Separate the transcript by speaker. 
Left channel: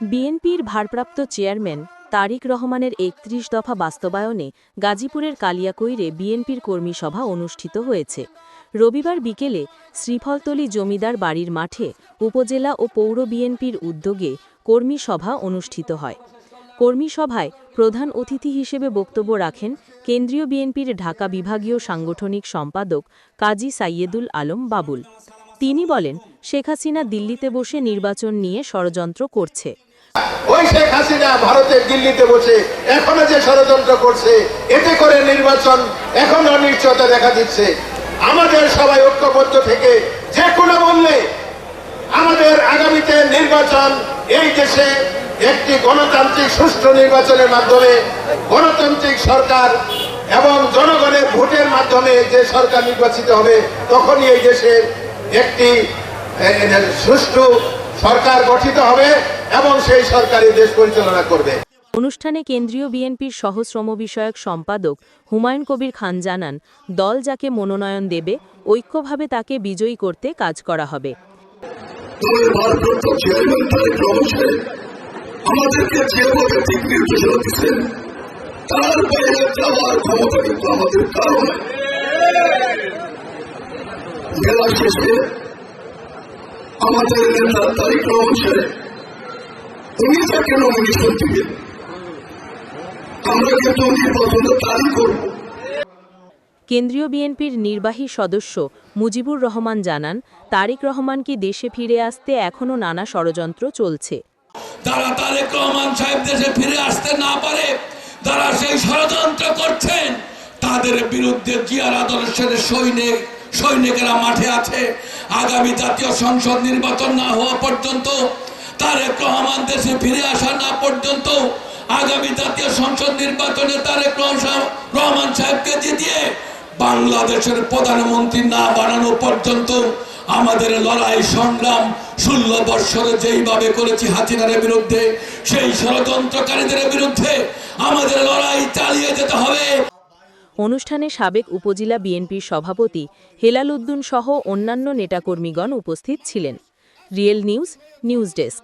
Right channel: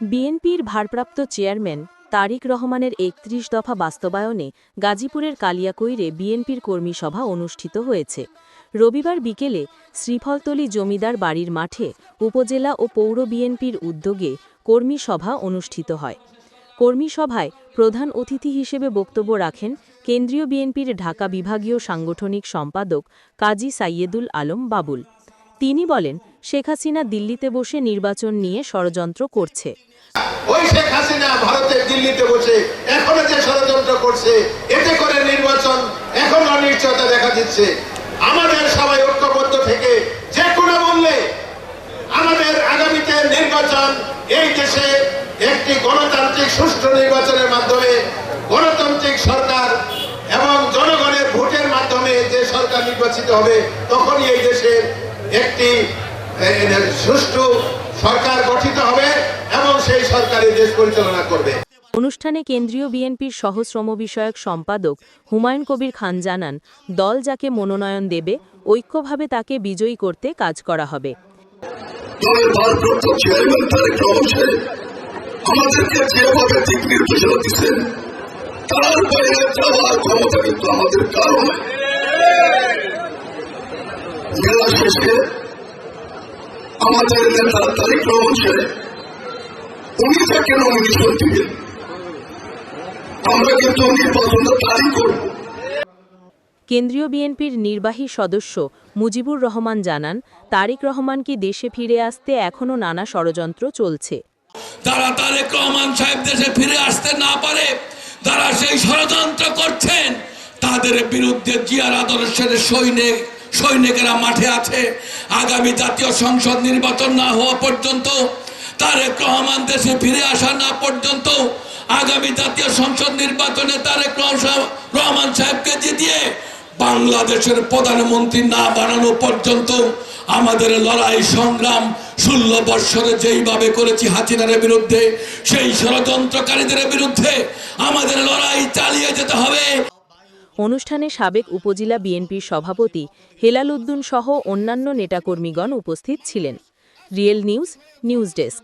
Speaker 1: বিএনপির ভারপ্রাপ্ত চেয়ারম্যান তারিক রহমানের একত্রিশ দফা বাস্তবায়নে গাজীপুরের কালিয়াকৈরে বিএনপির কর্মী সভা অনুষ্ঠিত হয়েছে। রবিবার বিকেলে শ্রীফলতলী জমিদার বাড়ির মাঠে উপজেলা ও পৌর বিএনপির উদ্যোগে কর্মী সভা অনুষ্ঠিত হয়। কর্মী সভায় প্রধান অতিথি হিসেবে বক্তব্য রাখেন কেন্দ্রীয় বিএনপির ঢাকা বিভাগীয় সাংগঠনিক সম্পাদক কাজী সাইয়েদুল আলম বাবুল। তিনি বলেন, শেখ হাসিনা দিল্লিতে বসে নির্বাচন নিয়ে ষড়যন্ত্র করছে।
Speaker 2: ওই শেখ হাসিনা ভারতের দিল্লিতে বসে এখনও যে ষড়যন্ত্র করছে, এতে করে নির্বাচন এখন অনিশ্চয়তা দেখা দিচ্ছে। আমাদের সবাই ঐক্যবদ্ধ থেকে যে কোনো মূল্যে আমাদের আগামীতে নির্বাচন এই দেশে একটি গণতান্ত্রিক সুষ্ঠু নির্বাচনের মাধ্যমে গণতান্ত্রিক সরকার এবং জনগণের ভোটের মাধ্যমে যে সরকার নির্বাচিত হবে, তখনই এই দেশের একটি সুষ্ঠু সরকার গঠিত হবে এবং সেই সরকারই দেশ পরিচালনা করবে।
Speaker 1: অনুষ্ঠানে কেন্দ্রীয় বিএনপির সহশ্রম বিষয়ক সম্পাদক হুমায়ুন কবির খান জানান দল যাকে মনোনয়ন দেবে ঐক্যভাবে তাকে বিজয়ী করতে কাজ করা হবে।
Speaker 3: দলের ভারপ্রাপ্ত চেয়ারম্যান তারেক রহমান সাহেব আমাদেরকে যেভাবে দিক নির্দেশনা দিচ্ছেন তার বাইরে যাওয়ার ক্ষমতা কিন্তু আমাদের কারণ জেলা শেষে আমাদের নেতা তারেক রহমান সাহেব উনি যাকে নমিনেশন আমরা কিন্তু নির্বাচনের তারিখ করব।
Speaker 1: কেন্দ্রীয় বিএনপির নির্বাহী সদস্য মুজিবুর রহমান জানান তারিক রহমান কি দেশে ফিরে আসতে এখনও নানা ষড়যন্ত্র চলছে।
Speaker 4: তারা তারেক রহমান সাহেব দেশে ফিরে আসতে না পারে তারা সেই ষড়যন্ত্র করছেন তাদের বিরুদ্ধে জিয়ার আদর্শের সৈনিক সৈনিকেরা মাঠে আছে। আগামী জাতীয় সংসদ নির্বাচন না হওয়া পর্যন্ত, তারেক রহমান দেশে ফিরে আসা না পর্যন্ত, আগামী জাতীয় সংসদ নির্বাচনে তারেক রহমান- সাহেবকে জিতিয়ে বাংলাদেশের প্রধানমন্ত্রী না বানানো পর্যন্ত আমাদের লড়াই সংগ্রাম ষোলো বৎসরে যেইভাবে করেছি হাসিনার বিরুদ্ধে, সেই ষড়যন্ত্রকারীদের বিরুদ্ধে আমাদের লড়াই চালিয়ে যেতে হবে।
Speaker 1: অনুষ্ঠানে সাবেক উপজেলা বিএনপির সভাপতি হেলাল উদ্দিন সহ অন্যান্য নেতাকর্মীগণ উপস্থিত ছিলেন। Real news news desk.